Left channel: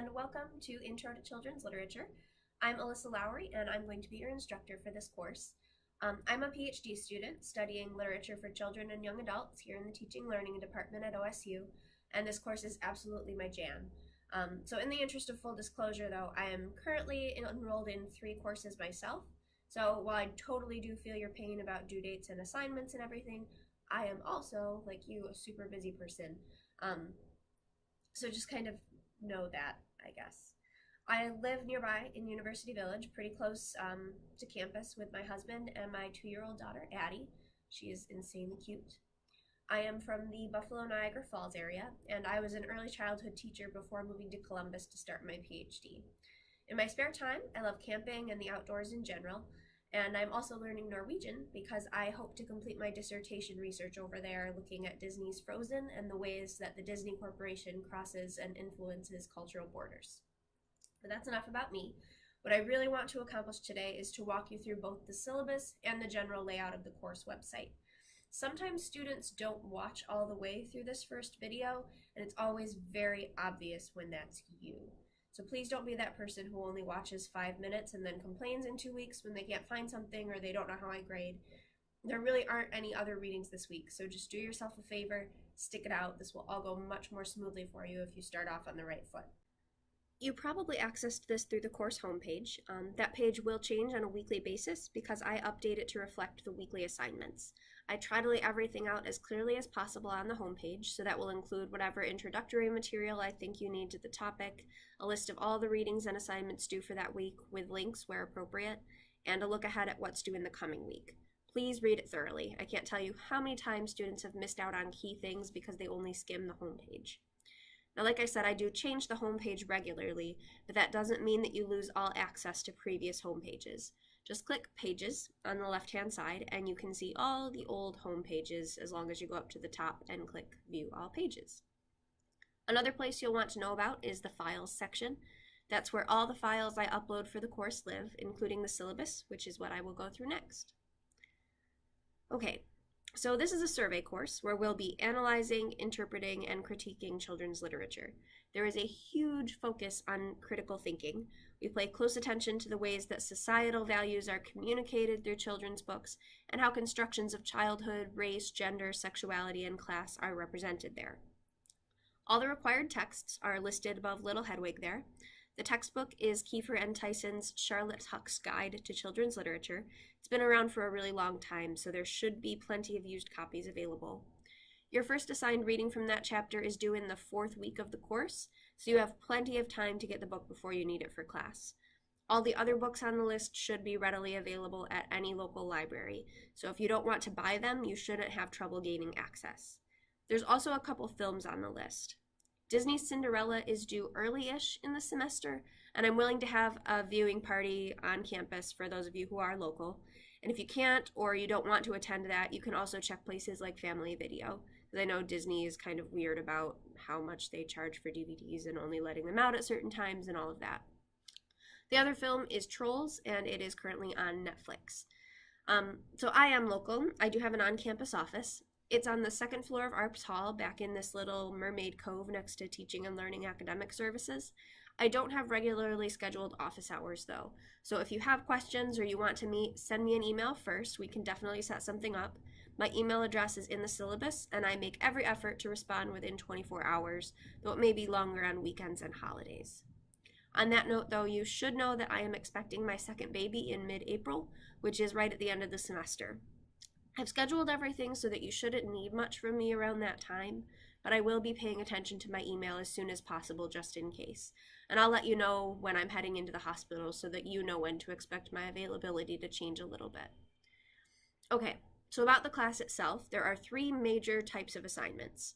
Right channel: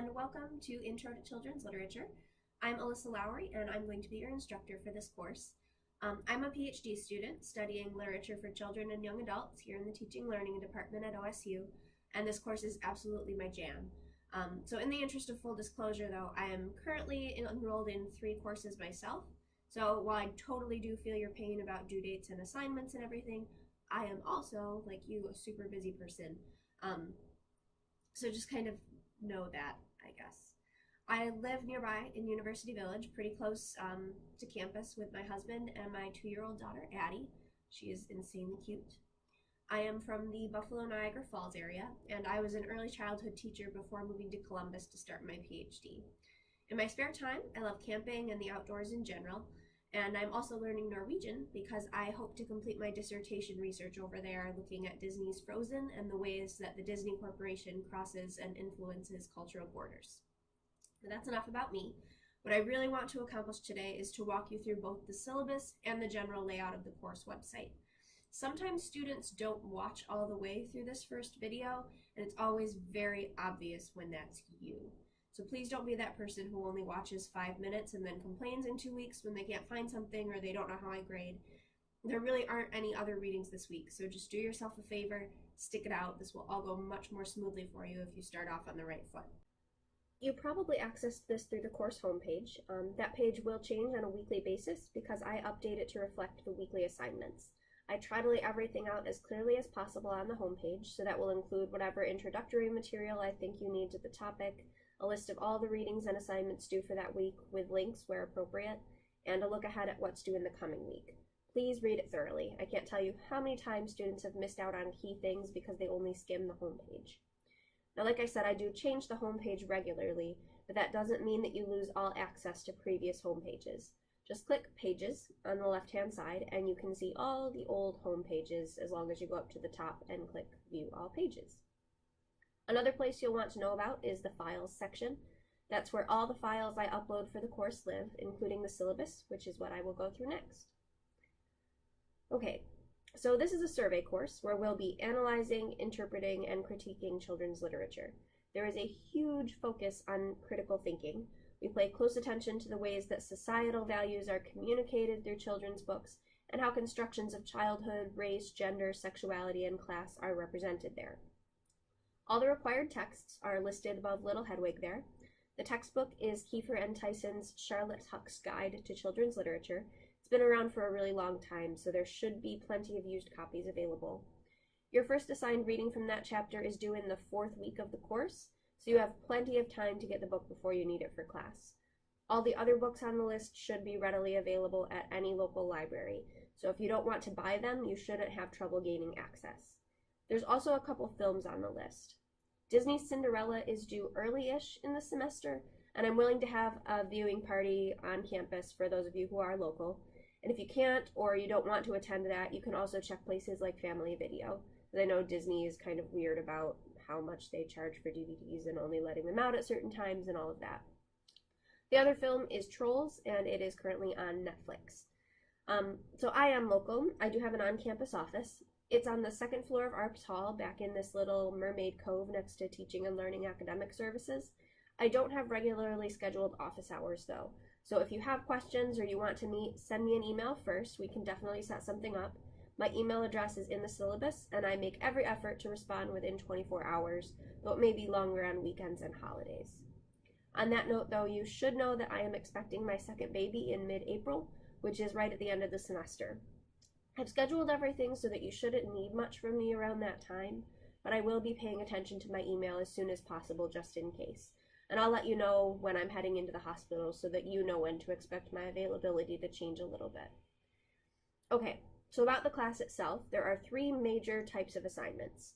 and welcome to Intro to Children's Literature. I'm Alyssa Lowry, and I'm going to be your instructor for this course. I'm a PhD student studying literature for children and young adults here in the Teaching Learning Department at OSU, and this course is absolutely my jam. So in the interest of full disclosure, though, I am currently enrolled in 3 courses myself. So while I totally do feel your pain about due dates and assignments and everything, I am also, like you, a super busy person. So just kind of know that, I guess. I live nearby in University Village, pretty close to campus with my husband and my 2-year-old daughter, Addie. She is insanely cute. I am from the Buffalo Niagara Falls area, and I was an early childhood teacher before moving to Columbus to start my PhD. In my spare time, I love camping and the outdoors in general, and I'm also learning Norwegian because I hope to complete my dissertation research over there looking at Disney's Frozen and the ways that the Disney Corporation crosses and influences cultural borders. But that's enough about me. What I really want to accomplish today is to walk you through both the syllabus and the general layout of the course website. Sometimes students don't watch all the way through this first video, and it's always very obvious when that's you. So please don't be that person who only watches 5 minutes and then complains in 2 weeks when they can't find something or they don't know how I grade. There really aren't any other readings this week, so just do yourself a favor, stick it out. This will all go much more smoothly for you if you start off on the right foot. You probably accessed this through the course homepage. That page will change on a weekly basis because I update it to reflect the weekly assignments. I try to lay everything out as clearly as possible on the homepage, so that will include whatever introductory material I think you need to the topic, a list of all the readings and assignments due for that week with links where appropriate, and a look ahead at what's due in the coming week. Please read it thoroughly. I can't tell you how many times students have missed out on key things because they only skim the homepage. Now, like I said, I do change the homepage regularly, but that doesn't mean that you lose all access to previous homepages. Just click Pages on the left-hand side, and you can see all the old home pages as long as you go up to the top and click View All Pages. Another place you'll want to know about is the Files section. That's where all the files I upload for the course live, including the syllabus, which is what I will go through next. Okay, so this is a survey course where we'll be analyzing, interpreting, and critiquing children's literature. There is a huge focus on critical thinking. We pay close attention to the ways that societal values are communicated through children's books and how constructions of childhood, race, gender, sexuality, and class are represented there. All the required texts are listed above Little Hedwig there. The textbook is Kiefer N. Tyson's Charlotte Huck's Guide to Children's Literature. It's been around for a really long time, so there should be plenty of used copies available. Your first assigned reading from that chapter is due in the 4th week of the course, so you have plenty of time to get the book before you need it for class. All the other books on the list should be readily available at any local library, so if you don't want to buy them, you shouldn't have trouble gaining access. There's also a couple films on the list. Disney's Cinderella is due early-ish in the semester, and I'm willing to have a viewing party on campus for those of you who are local. And if you can't or you don't want to attend that, you can also check places like Family Video, because I know Disney is kind of weird about how much they charge for DVDs and only letting them out at certain times and all of that. The other film is Trolls, and it is currently on Netflix. So I am local. I do have an on-campus office. It's on the 2nd floor of Arps Hall, back in this little mermaid cove next to Teaching and Learning Academic Services. I don't have regularly scheduled office hours, though. So if you have questions or you want to meet, send me an email first. We can definitely set something up. My email address is in the syllabus, and I make every effort to respond within 24 hours, though it may be longer on weekends and holidays. On that note, though, you should know that I am expecting my second baby in mid-April, which is right at the end of the semester. I've scheduled everything so that you shouldn't need much from me around that time, but I will be paying attention to my email as soon as possible just in case. And I'll let you know when I'm heading into the hospital so that you know when to expect my availability to change a little bit. Okay, so about the class itself, there are 3 major types of assignments.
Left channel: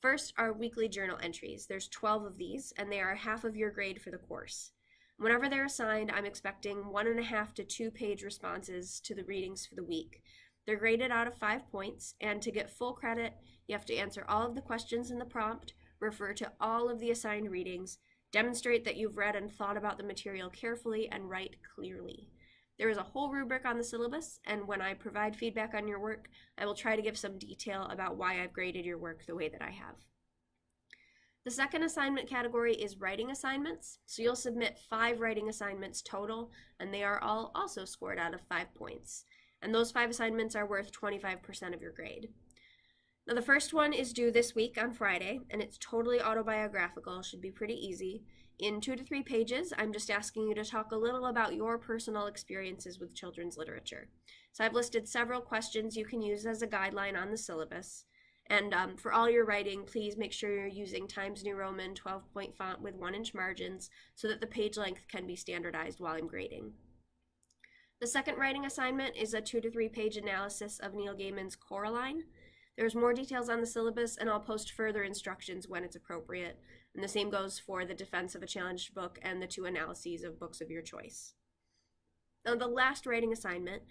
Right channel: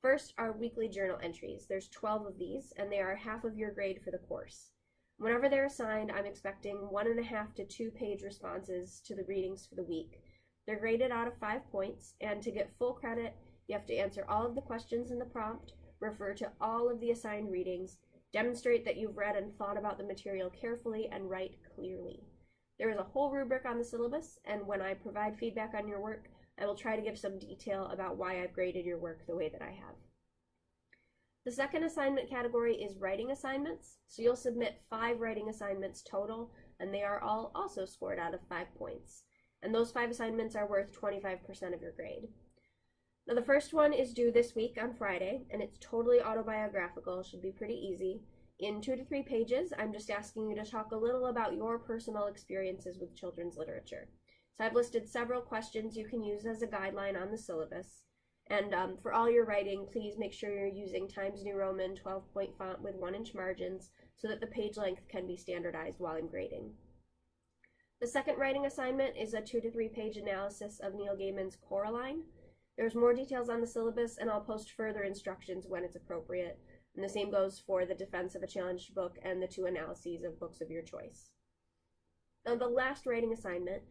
First are weekly journal entries. There's 12 of these, and they are half of your grade for the course. Whenever they're assigned, I'm expecting 1.5 to 2-page responses to the readings for the week. They're graded out of 5 points, and to get full credit, you have to answer all of the questions in the prompt, refer to all of the assigned readings, demonstrate that you've read and thought about the material carefully, and write clearly. There is a whole rubric on the syllabus, and when I provide feedback on your work, I will try to give some detail about why I've graded your work the way that I have. The second assignment category is writing assignments. So you'll submit 5 writing assignments total, and they are all also scored out of 5 points. And those 5 assignments are worth 25% of your grade. Now the first one is due this week on Friday, and it's totally autobiographical, should be pretty easy. In 2 to 3 pages, I'm just asking you to talk a little about your personal experiences with children's literature. So I've listed several questions you can use as a guideline on the syllabus. And for all your writing, please make sure you're using Times New Roman 12-point font with 1-inch margins so that the page length can be standardized while I'm grading. The second writing assignment is a 2 to 3 page analysis of Neil Gaiman's Coraline. There's more details on the syllabus, and I'll post further instructions when it's appropriate. And the same goes for the defense of a challenged book and the 2 analyses of books of your choice. Now the last writing assignment,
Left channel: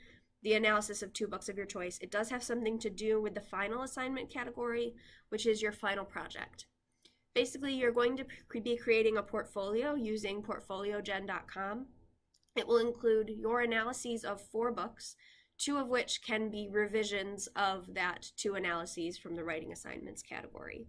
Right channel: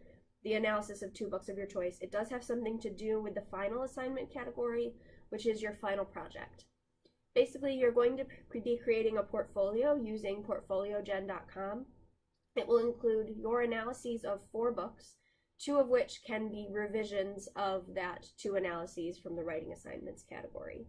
the analysis of 2 books of your choice, it does have something to do with the final assignment category, which is your final project. Basically, you're going to be creating a portfolio using portfoliogen.com. It will include your analyses of 4 books, 2 of which can be revisions of that 2 analyses from the writing assignments category.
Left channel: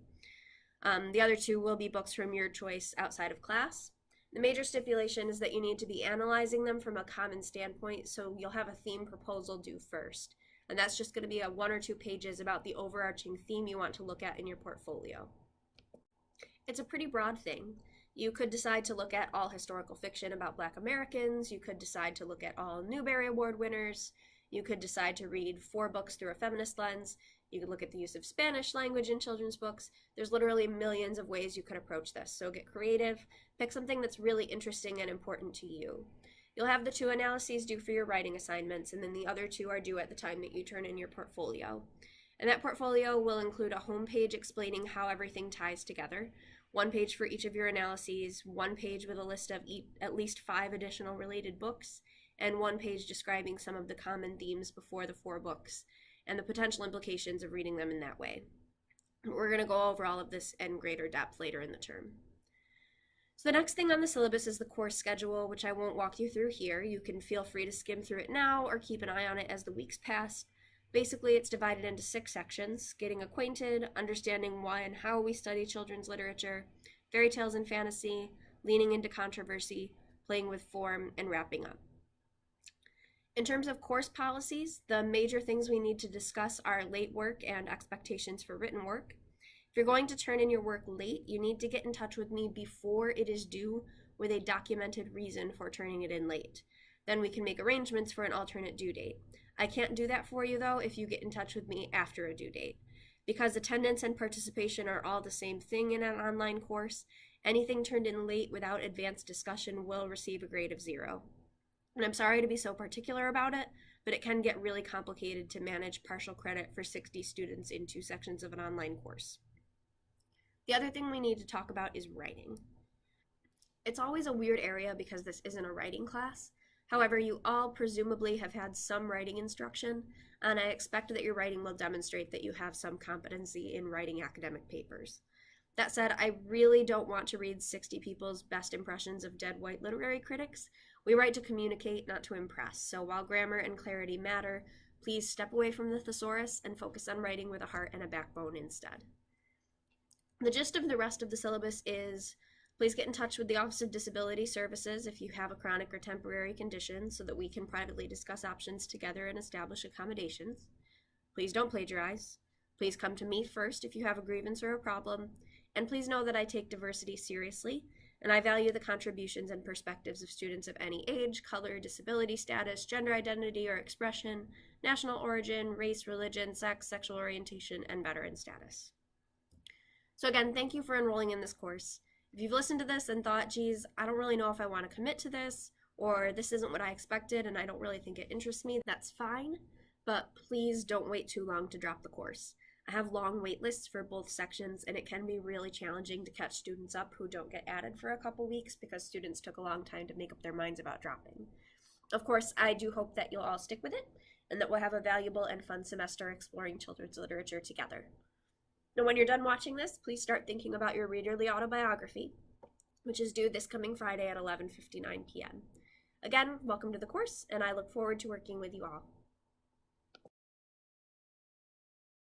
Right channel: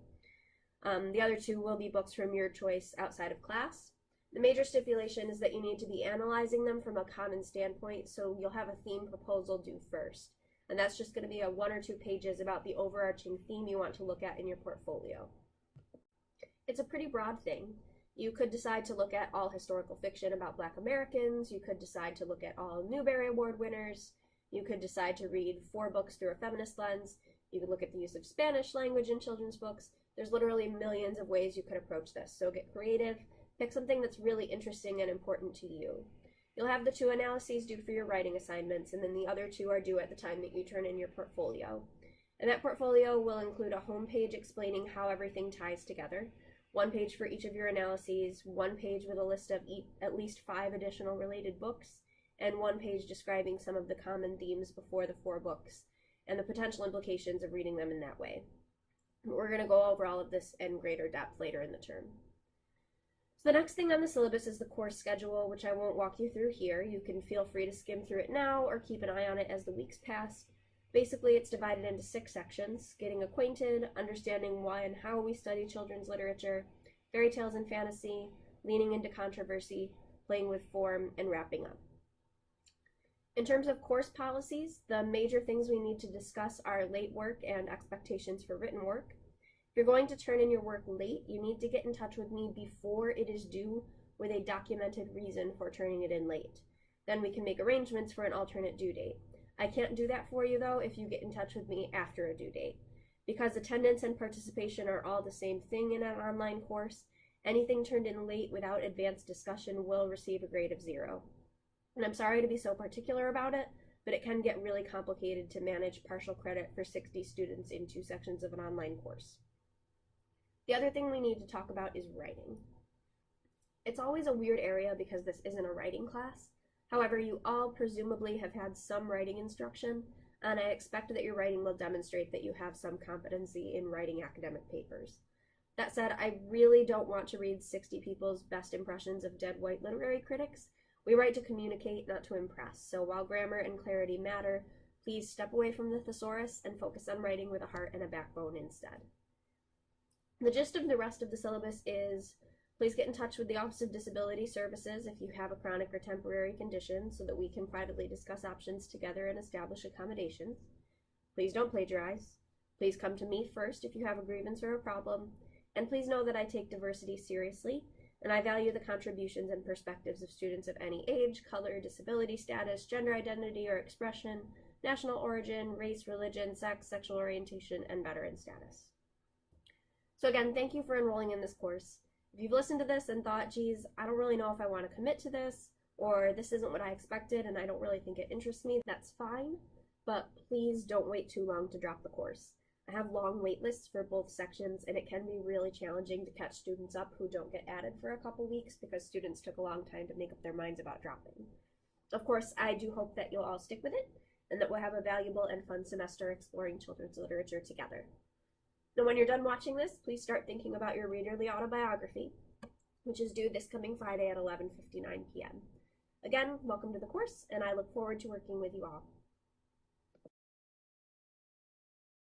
The other 2 will be books from your choice outside of class. The major stipulation is that you need to be analyzing them from a common standpoint, so you'll have a theme proposal due first. And that's just going to be a 1 or 2 pages about the overarching theme you want to look at in your portfolio. It's a pretty broad thing. You could decide to look at all historical fiction about Black Americans, you could decide to look at all Newbery Award winners, you could decide to read 4 books through a feminist lens, you could look at the use of Spanish language in children's books. There's literally millions of ways you could approach this, so get creative. Pick something that's really interesting and important to you. You'll have the 2 analyses due for your writing assignments, and then the other 2 are due at the time that you turn in your portfolio. And that portfolio will include a home page explaining how everything ties together, 1 page for each of your analyses, 1 page with a list of at least 5 additional related books, and 1 page describing some of the common themes before the 4 books, and the potential implications of reading them in that way. We're going to go over all of this in greater depth later in the term. So the next thing on the syllabus is the course schedule, which I won't walk you through here. You can feel free to skim through it now or keep an eye on it as the weeks pass. Basically, it's divided into 6 sections: getting acquainted, understanding why and how we study children's literature, fairy tales and fantasy, leaning into controversy, playing with form, and wrapping up. In terms of course policies, the major things we need to discuss are late work and expectations for written work. If you're going to turn in your work late, you need to get in touch with me before it is due with a documented reason for turning it in late. Then we can make arrangements for an alternate due date. I can't do that for you though if you get in touch with me after a due date. Because attendance and participation are all the same thing in an online course, anything turned in late without advanced discussion will receive a grade of 0. And I'm sorry to be so particular about it, but it can get really complicated to manage partial credit for 60 students in 2 sections of an online course. The other thing we need to talk about is writing. It's always a weird area because this isn't a writing class. However, you all presumably have had some writing instruction, and I expect that your writing will demonstrate that you have some competency in writing academic papers. That said, I really don't want to read 60 people's best impressions of dead white literary critics. We write to communicate, not to impress, so while grammar and clarity matter, please step away from the thesaurus and focus on writing with a heart and a backbone instead. The gist of the rest of the syllabus is, please get in touch with the Office of Disability Services if you have a chronic or temporary condition so that we can privately discuss options together and establish accommodations. Please don't plagiarize. Please come to me first if you have a grievance or a problem. And please know that I take diversity seriously, and I value the contributions and perspectives of students of any age, color, disability status, gender identity or expression, national origin, race, religion, sex, sexual orientation, and veteran status. So again, thank you for enrolling in this course. If you've listened to this and thought, geez, I don't really know if I want to commit to this, or this isn't what I expected and I don't really think it interests me, that's fine, but please don't wait too long to drop the course. I have long wait lists for both sections, and it can be really challenging to catch students up who don't get added for a couple weeks because students took a long time to make up their minds about dropping. Of course, I do hope that you'll all stick with it, and that we'll have a valuable and fun semester exploring children's literature together. Now, when you're done watching this, please start thinking about your readerly autobiography, which is due this coming Friday at 11:59 p.m. Again, welcome to the course, and I look forward to working with you all.